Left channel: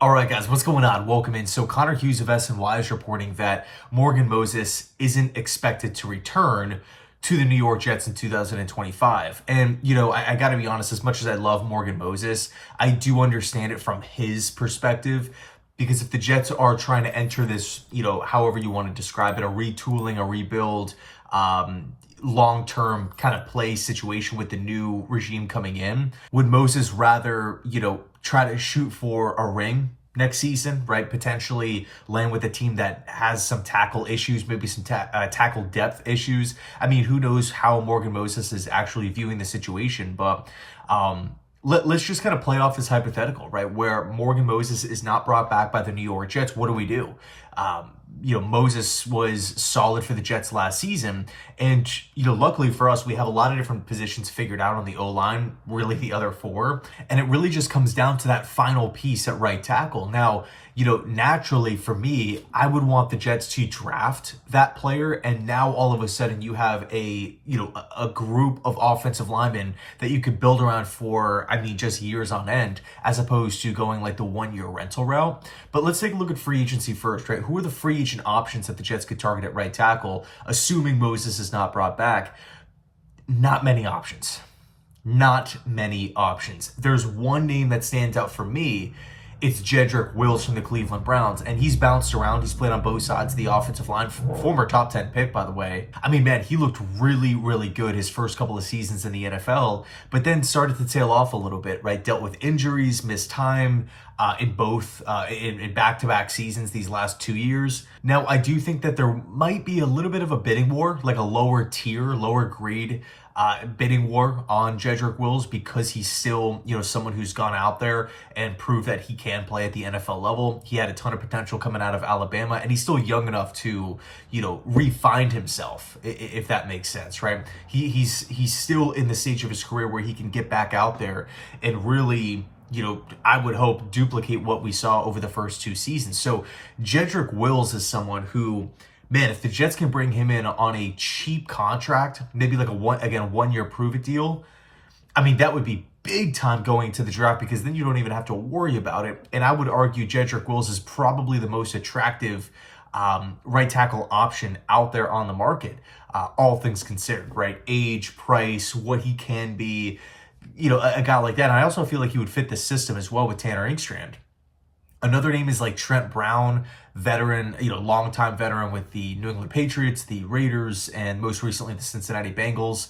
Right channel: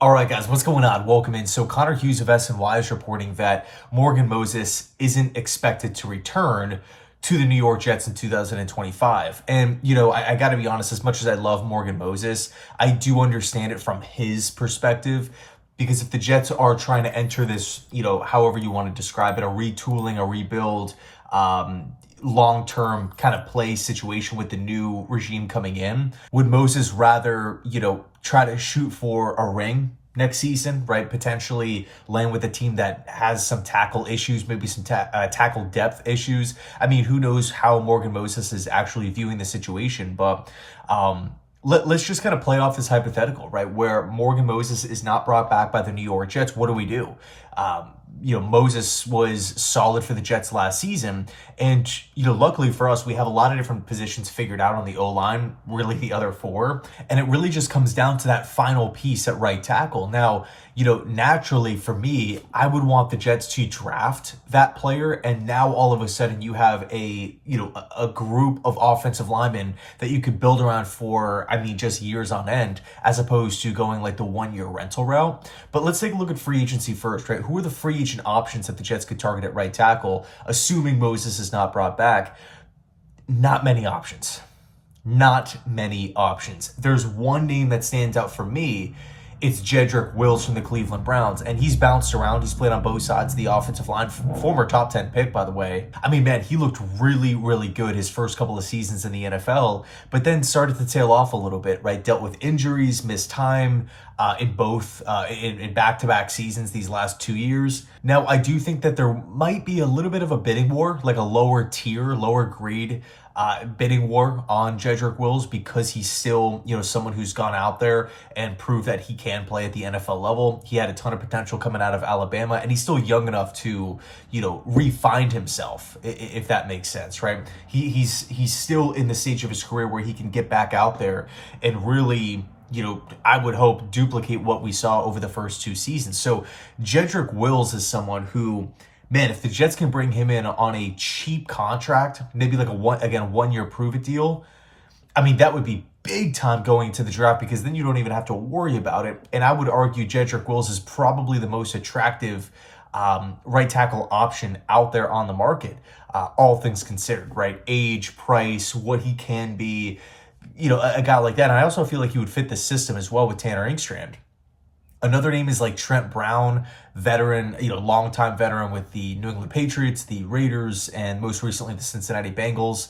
All right, guys, what's going on? Welcome in. So Connor Hughes of SNY is reporting that Morgan Moses isn't expected to return to the New York Jets in 2025. And, I got to be honest, as much as I love Morgan Moses, I do understand it from his perspective. Because if the Jets are trying to enter this, however you want to describe it, a retooling, a rebuild, long-term kind of play situation with the new regime coming in, would Moses rather, try to shoot for a ring next season, right? Potentially land with a team that has some tackle issues, maybe some tackle depth issues. I mean, who knows how Morgan Moses is actually viewing the situation, but let's just kind of play off this hypothetical, right? Where Morgan Moses is not brought back by the New York Jets. What do we do? Moses was solid for the Jets last season. And, luckily for us, we have a lot of different positions figured out on the O-line, really the other four. And it really just comes down to that final piece at right tackle. Now, naturally for me, I would want the Jets to draft that player. And now all of a sudden you have a group of offensive linemen that you could build around for, just years on end, as opposed to going like the 1-year rental route. But let's take a look at free agency first, right? Who are the free agent options that the Jets could target at right tackle, assuming Moses is not brought back? Not many options. Not many options. There's one name that stands out for me. It's Jedric Wills from the Cleveland Browns, and he's bounced around. He's played on both sides of the offensive line. Former top 10 pick, by the way. Man, he looked really, really good his first couple of seasons in the NFL, but then started to tail off a little bit, right? Dealt with injuries, missed time in back-to-back seasons these last 2 years. Now, I do think that there might be a little bit of a bidding war, like a lower tier, lower grade bidding war on Jedric Wills, because he's still, someone who's gone out there and proved that he can play at the NFL level. He had a ton of potential coming out of Alabama, and he's still young enough to, re-find himself, if that makes sense, right? He's still in the stage of his career where he can get back out there and really, I would hope duplicate what we saw over the first 2 seasons. So Jedric Wills is someone who, man, if the Jets can bring him in on a cheap contract, maybe like a 1-year prove-it deal, that would be big time going into the draft, because then you don't even have to worry about it. And I would argue Jedric Wills is probably the most attractive right tackle option out there on the market, all things considered, right? Age, price, what he can be, a guy like that. And I also feel like he would fit the system as well with Tanner Inkstrand. Another name is like Trent Brown, veteran, longtime veteran with the New England Patriots, the Raiders, and most recently the Cincinnati Bengals.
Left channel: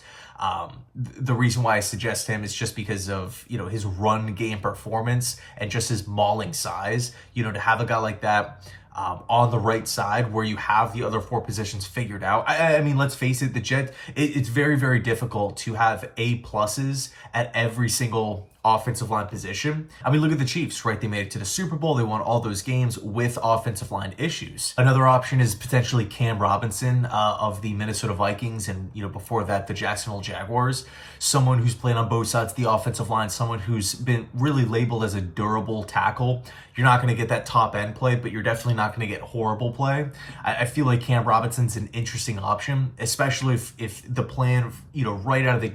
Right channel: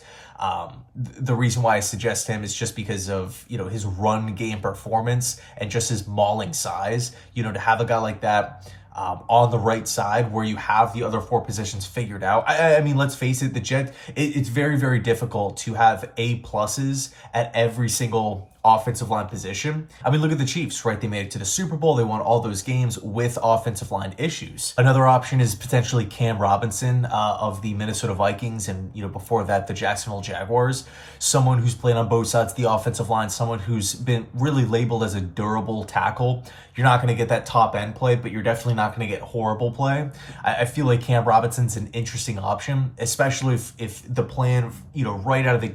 The reason why I suggest him is just because of, his run game performance and just his mauling size. To have a guy like that on the right side where you have the other 4 positions figured out. Let's face it, the Jets, it's very, very difficult to have A pluses at every single offensive line position. Look at the Chiefs, right? They made it to the Super Bowl. They won all those games with offensive line issues. Another option is potentially Cam Robinson of the Minnesota Vikings, and before that, the Jacksonville Jaguars. Someone who's played on both sides of the offensive line, someone who's been really labeled as a durable tackle. You're not going to get that top end play, but you're definitely not going to get horrible play. I feel like Cam Robinson's an interesting option, especially if the plan, right out of the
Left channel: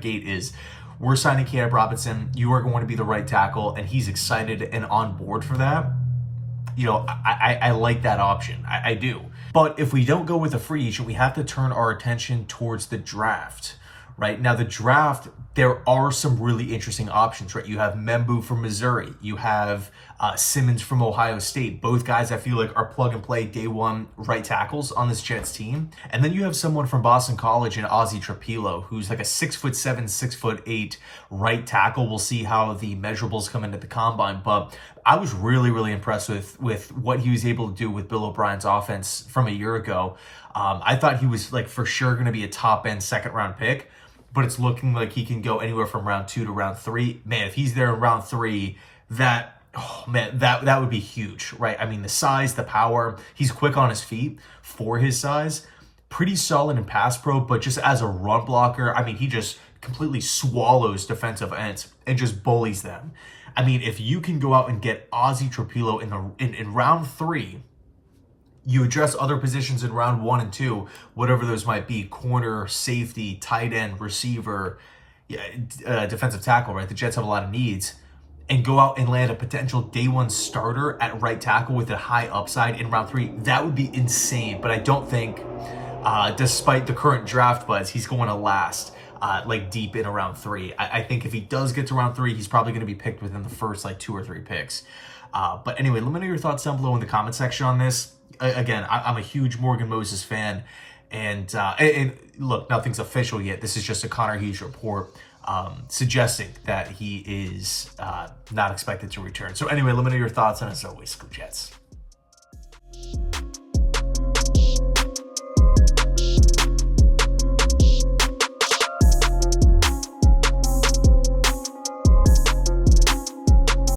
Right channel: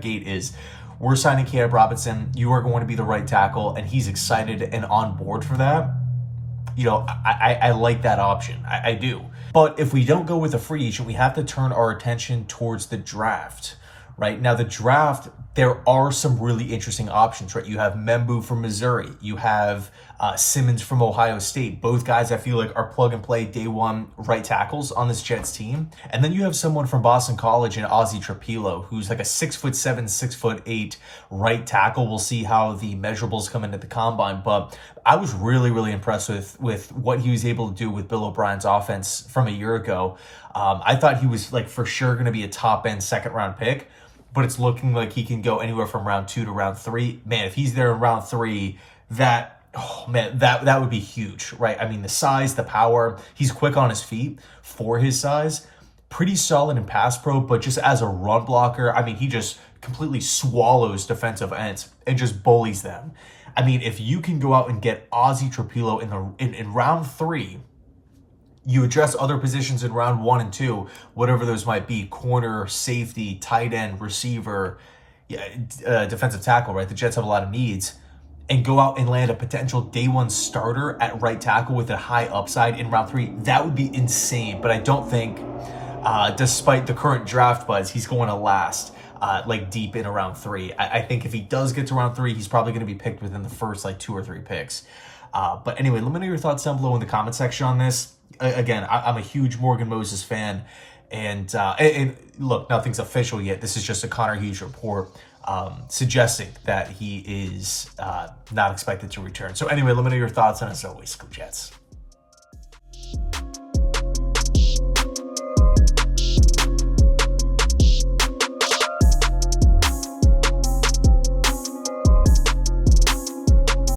gate is, we're signing Cam Robinson. You are going to be the right tackle, and he's excited and on board for that. I like that option. I do. But if we don't go with a free agent, we have to turn our attention towards the draft. Right now, the draft, there are some really interesting options, right? You have Membu from Missouri. You have Simmons from Ohio State. Both guys I feel like are plug and play day one right tackles on this Jets team. And then you have someone from Boston College in Ozzie Trapilo, who's like a 6'7", 6'8" right tackle. We'll see how the measurables come into the combine, but I was really, really impressed with what he was able to do with Bill O'Brien's offense from a year ago. I thought he was like for sure going to be a top end 2nd round pick, but it's looking like he can go anywhere from round 2 to round 3. Man, if he's there in round 3, that would be huge, right? The size, the power, he's quick on his feet for his size, pretty solid in pass pro, but just as a run blocker, he just completely swallows defensive ends and just bullies them. If you can go out and get Ozzie Trapilo in round 3, you address other positions in round 1 and 2, whatever those might be: corner, safety, tight end, receiver, defensive tackle, right? The Jets have a lot of needs. and go out and land a potential day one starter at right tackle with a high upside in round 3, that would be insane. But I don't think, despite the current draft buzz, he's going to last like deep in around 3. I think if he does get to round 3, he's probably going to be picked within the first like 2 or 3 picks. But anyway, let me know your thoughts down below in the comment section on this. Again, I'm a huge Morgan Moses fan. And look, nothing's official yet. This is just a Connor Hughes report suggesting that he is not expected to return. So anyway, let me know your thoughts. And as always, go Jets.